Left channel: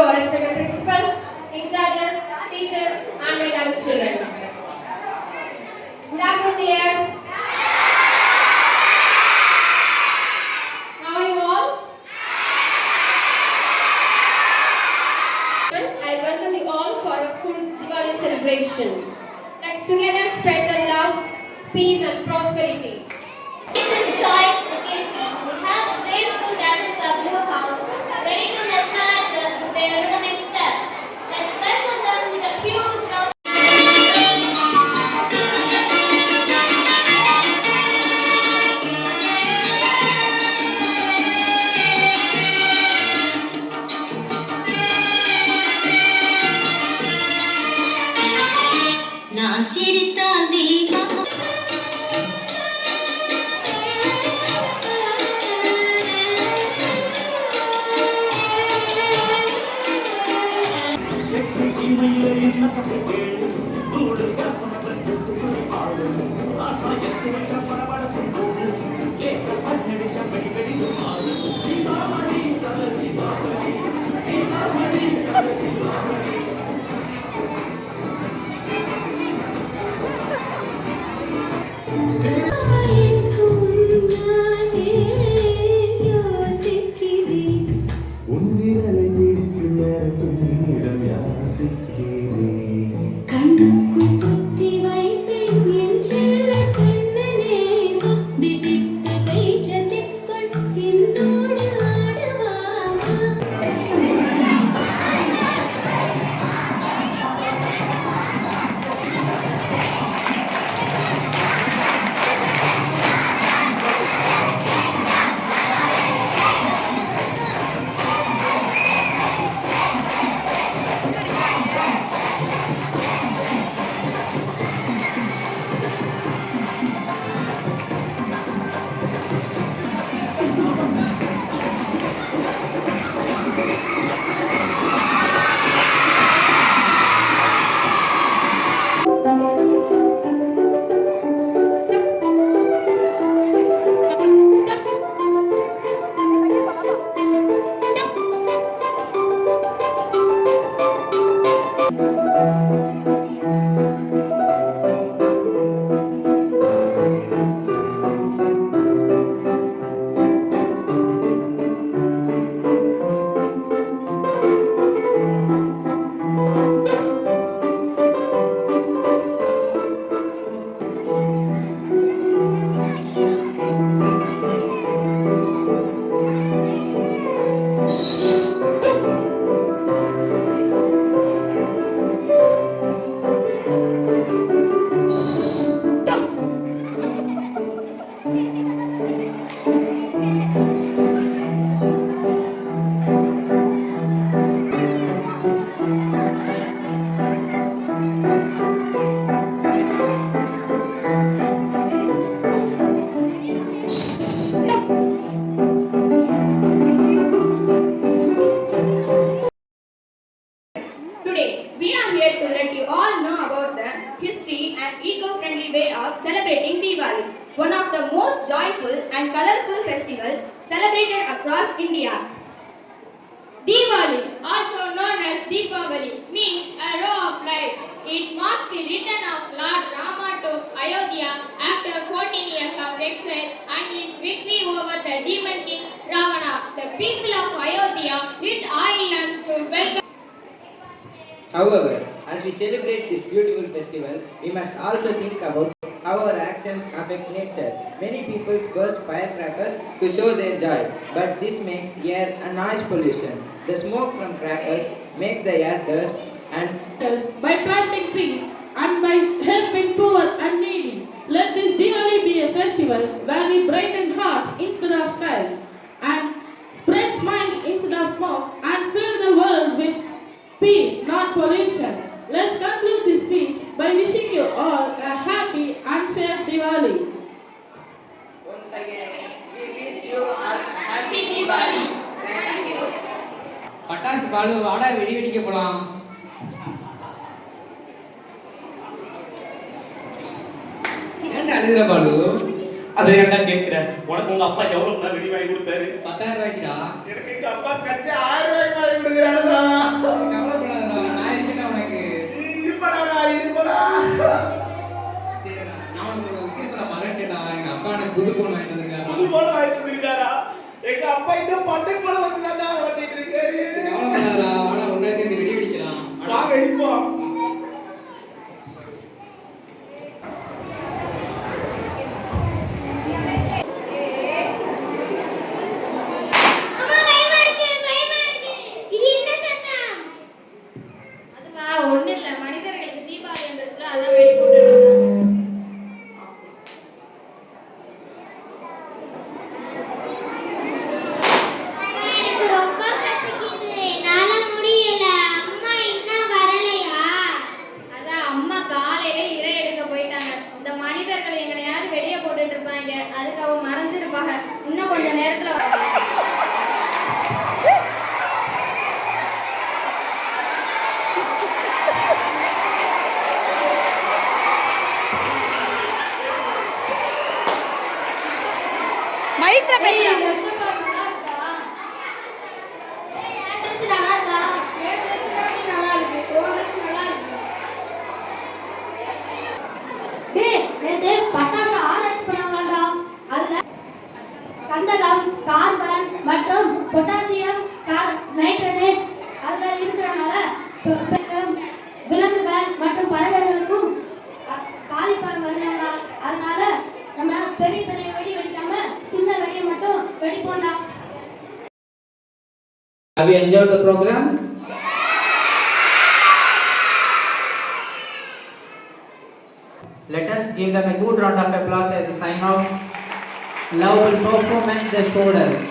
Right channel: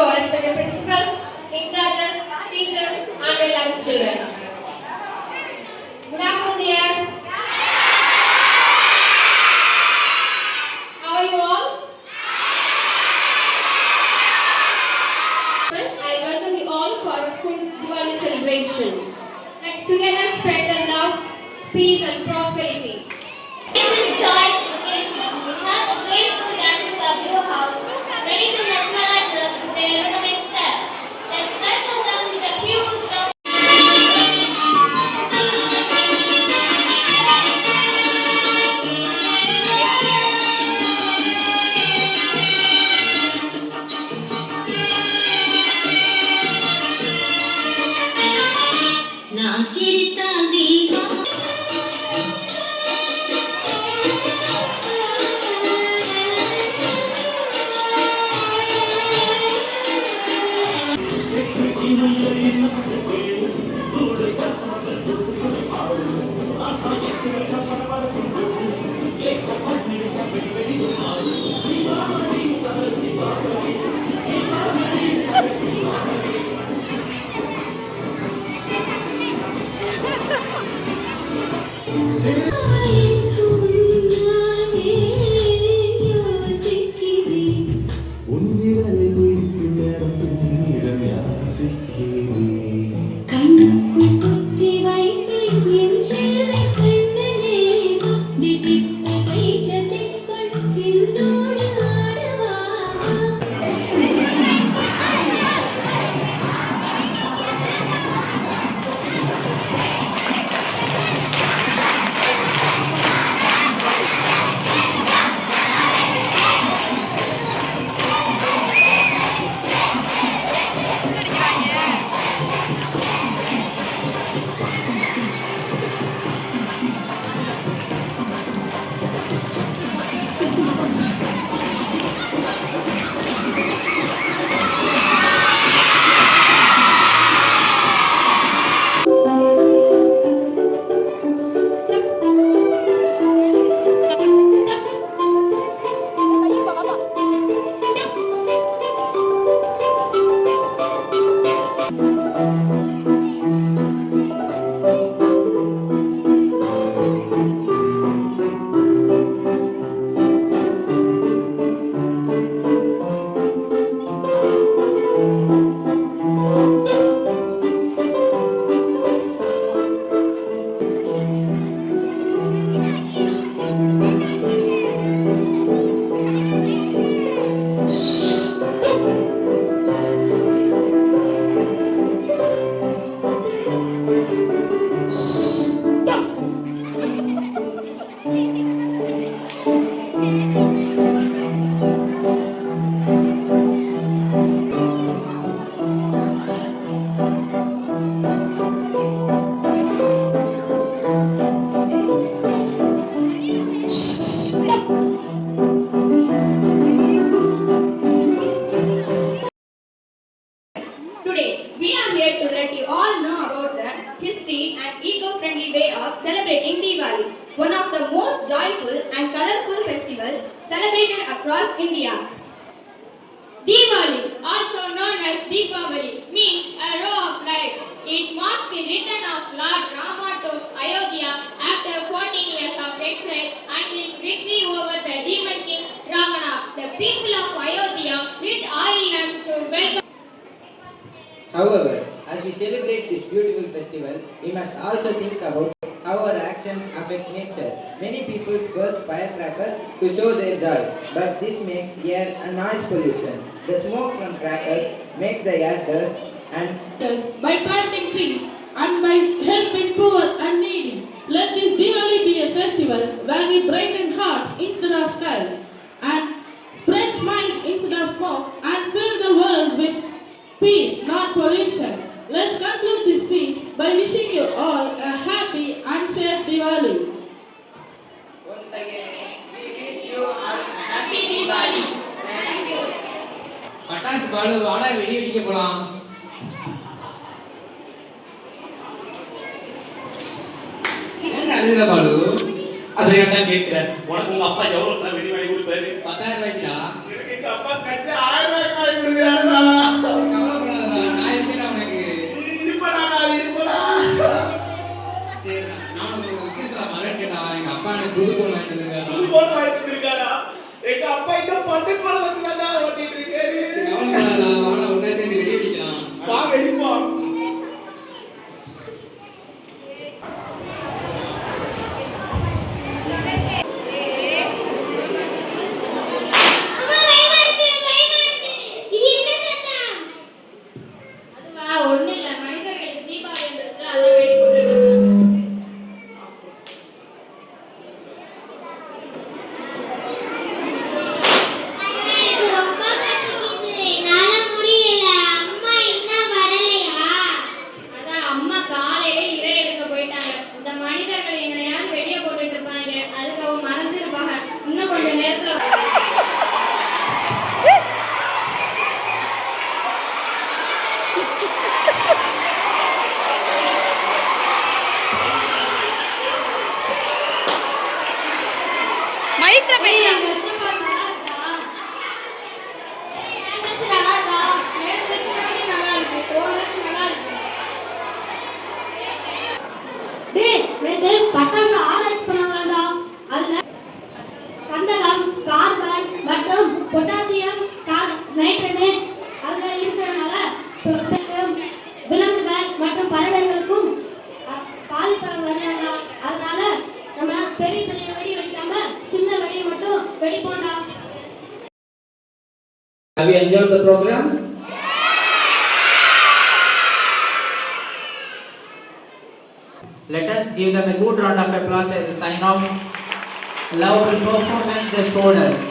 our respected principals, in-charges, teachers, and my young children. Good afternoon, dears. How are you all? I welcome you all for our school Diwali celebration. Let's together spread the love, peace, and prosperity. In this joyous occasion, we have the graceful dancers of Blue House ready to mesmerize us with their rhythmic steps. Let's welcome them with a huge round. நான் சிரித்தால் தீபம் Today, we are here to let you all know about the history and eco-friendly way of celebrating Diwali, one of the most joyful and colorful festivals celebrated across India. Diwali, also known as Deepavali, means a row of lights. It marks the return of Lord Rama to Ayodhya after 14 years of exile and his victory over the demon king Ravana. The people of Ayodhya lit oil lamps to welcome. However, as we celebrate this beautiful festival, we must also think about how our actions affect nature. Many people burst firecrackers to show their joy, but this makes air and noise pollution. The smoke from crackers makes the air dust and by planting trees and by helping poor and needy. Let this Diwali be a festival where we brighten hearts instead of sky and spread smiles instead of smoke and fill the world with peace, not pollution. Let's conclude this speech by wishing you all a happy and safe Diwali. once again, we wish you a happy Diwali. Thank you. பட்டாசு பாலு வாடா வெடி அடிக்க போலாம். ஏன் அழுகிற பாலு? அதை ஏன்டா கேட்கிறேன்? உனக்கு உங்க அப்பா எவ்வளவு தான் வெடி வாங்கி கொடுத்தாரு? 10,000 ரூபாய்க்குடா. எனக்கு எங்க அப்பா கட்சி 1000 ரூபாய்க்கு வாங்கி கொடுக்குறாருடா. கவலைப்படாதடா, நான் இருக்கேன்டா உனக்கு. இருப்படா இருப்படா. சரிடா, நான் ஒரு விஷயத்துல மறந்துட்டேன்டா. எங்க அப்பா எனக்கு புது போன் வாங்கிட்டு வந்திருக்காரு. புது போன் வாங்கிட்டு இருக்காரா? எங்க அப்பா இன்னும் பட்டன் போன வச்சுதான்டா ஓட்டிட்டு இருக்காரு. கவலைப்படாதடா, வாடா ஒண்ணா சேர்ந்து வெடி வெடிக்கலாம். வா வெடிப்போம். அம்மா பயமா இருக்கு பயமா இருக்கு. இது என்ன சத்தம்? அதுவா ஒண்ணும் இல்ல, மனிதர்களுக்கு தீபாவளி வந்துருச்சு, அதான் வெடி போட்டு இருக்காங்க. எனக்கு ரொம்ப பசிக்குது. என்னால முடியல. அம்மா இன்னும் வரலையா? அதான் அம்மா காலையில இறை எடுக்க போயிட்டாங்க. இந்த மனிதர்கள் எங்கனையாவது வெடிய போட்டுட்டு இருப்பாங்க, அதுக்கு அவங்க மறைஞ்சிருப்பாங்க. இன்னும் கொஞ்ச நேரத்துல மைக்ல பேசுறாங்க. பட்டாசு ஆராய்ச்சி பண்ணாங்கடா. அதுல கந்தகம், கார்பன் மற்றும் பொட்டாசியம் நைட்ரேட் அதுல இருக்கிறதுனால விலங்குகள் மற்றும் பறவைகளுக்கும் பாதிப்பு வருதுடா. அதனால நம்ம பெரிய பெரிய வெடி வெடிக்காம சின்ன வெடியை மட்டும் வெடிப்போம்டா. Have you enjoyed the program? Let us give them a good round of applause as a sign of love and performance they showed us.